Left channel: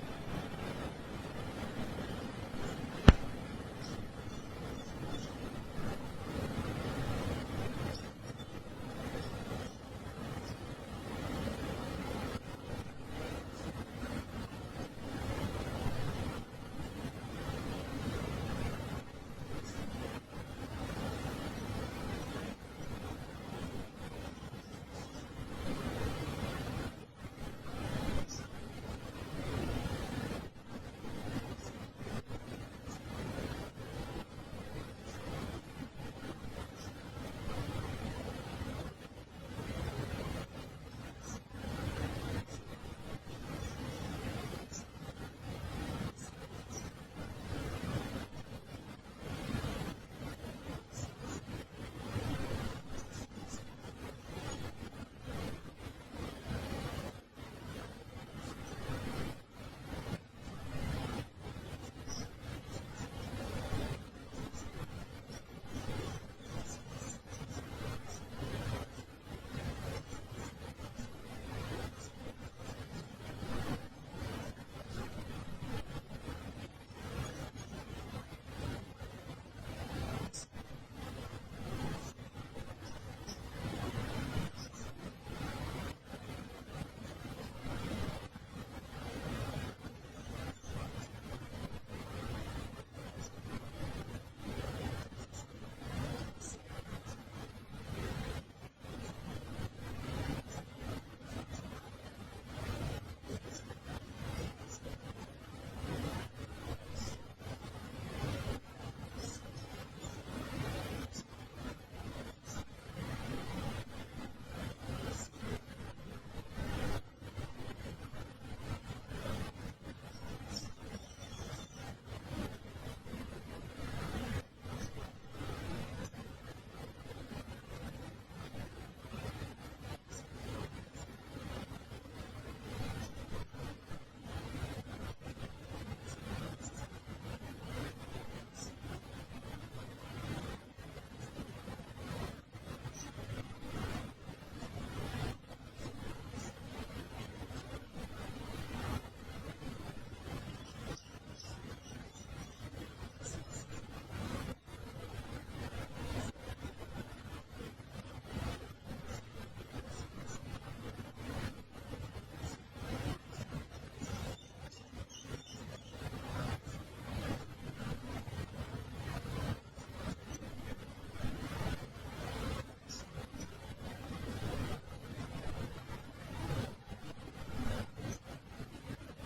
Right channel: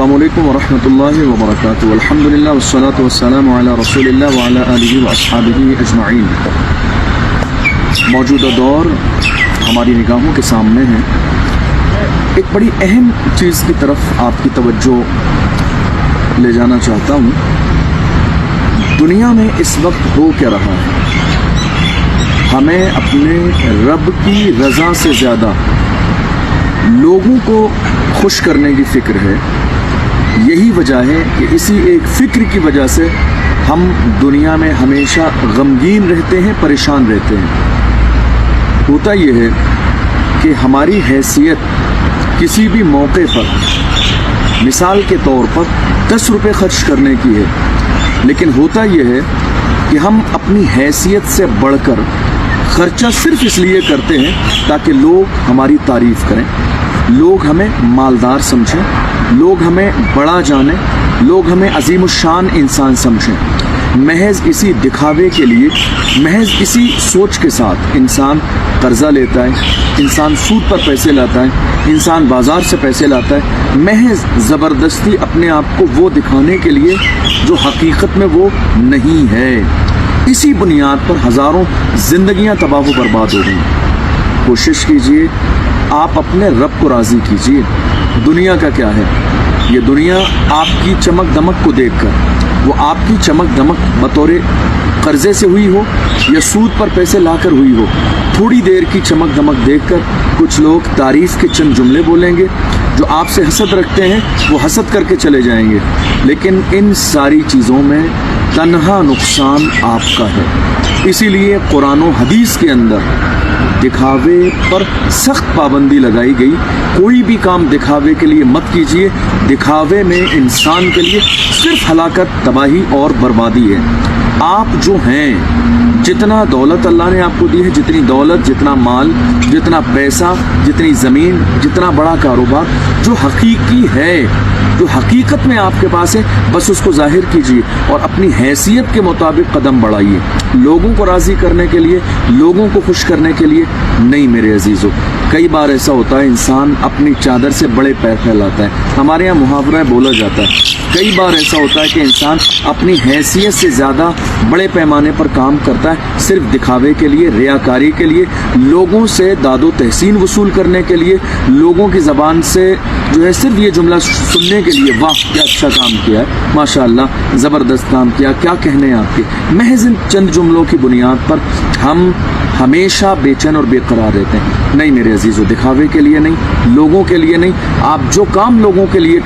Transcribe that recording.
अस्सलामु अलैकुम वरहमतुल्लाहि वबरकातुहू। अल्हम्दुलिल्लाह वस्सलातु वस्सलामु अला रसूलिल्लाह व अला आलिहि व अस्हाबिहि अजमईन। मौजूदा दौर हमारी निगाहों के सामने है। एक बड़ी अहम चीज़ की तरफ आपकी तवज्जो ले जाना चाहता हूँ। दुनिया में इस वक्त हो क्या रहा है? हमें अपने रब की रज़ा से ज़्यादा लोगों को खुश करने की फ़िक्र है। यही वजह है कि इसी एक फ़िक्र की वजह से हम दुनिया में हमेशा गमगीन रहते हैं, परेशान रहते हैं। होता यह है कि हमारी हैसियत किसी भी मौके पर मिसाल के तौर पर 10 रुपये खर्च करने की है, लेकिन होता यह है कि हम अपनी हैसियत से बढ़कर खर्चा सिर्फ इसलिए करते हैं ताकि लोग हमारी तारीफ़ करें, लोग हमें मालदार समझें, लोग हमें बड़ा जाने, लोग हमें अजीमुशान इंसान समझें। महज इसी दिखावे के लिए, महज इसी सोच के साथ इंसान कर्जा लेता है, इंसान सूद पर पैसे लाता है, इंसान बाजार से पैसे लाता है, महज ज़बरदस्ती अपने आप को वो दिखाने के लिए जो हकीकत में वो नहीं है। इसी बुनियाद पर हज़ारों ज़िंदगियां तबाह व बर्बाद हो गई। कोशिश कीजिए, आप अपने रब को राज़ी कीजिए। दुनिया का क्या है? ये दुनिया आपकी चमक दमक को देखकर, वो आपकी चमक दमक बतौर कर्जे से हुई हो या सूद पर पैसे लाकर हुई हो, थोड़ी देर की चमक दमक देखकर कुछ लोग तारीफ़ के चंद जुमले बोलेंगे, जो आपसे हसद रखते हैं वो हसद करके चले जाएंगे। लेकिन इन सारी चीज़ों में तन्हा नुकसान आपका है। इसीलिए कुरान और हदीस के अंदर दिखावे पर सख्त पाबंदी लगाई गई। कोई भी काम दिखावे के लिए मत कीजिए। दिखावे में इंसान के लिए सिर्फ हलाकत, तबाही और बर्बादी है। आप जो हैं, जितना दौलत अल्लाह ने आपको दी है, जितनी दौलत, जितना माल, जितना पैसा, जितनी ज़मीन, जितना बड़ा कारोबार, जो हकीकी है, जो हकीकत में आपके पास है, बस उसको जाहिर कीजिए और अपनी हैसियत के मुताबिक कदम बढ़ाइए। लोगों को राज़ी करने के लिए, लोगों को खुश करने के लिए नहीं मेरे अजीज़ों। कई बार ऐसा होता है, इंसान अपनी चादर से बड़े पैर फैलाता है। हमारे यहाँ मुहावरा बोला जाता है। कई बार ऐसा होता है कि इंसान अपनी हैसियत से ज़्यादा बड़े पैमाने पर काम करता है, सिर्फ दिखावे के लिए, रियाकारी के लिए, लोगों से दादो तहसीन वसूल करने के लिए, लोगों की ज़बान से जो है सिर्फ ये जुमला सुनने के लिए, वाह क्या अच्छा काम किया है, माशाअल्लाह ज़बरदस्त काम किया, क्या कहने हैं आपके। महज इन चंद जुमलों की बुनियाद पर हम हमेशा बेचैन और बेकरार रहते हैं। नहीं मेरे अजीज़ों, दिखावे के लिए नहीं, लोगों के लिए नहीं। आप जो काम लोगों के लिए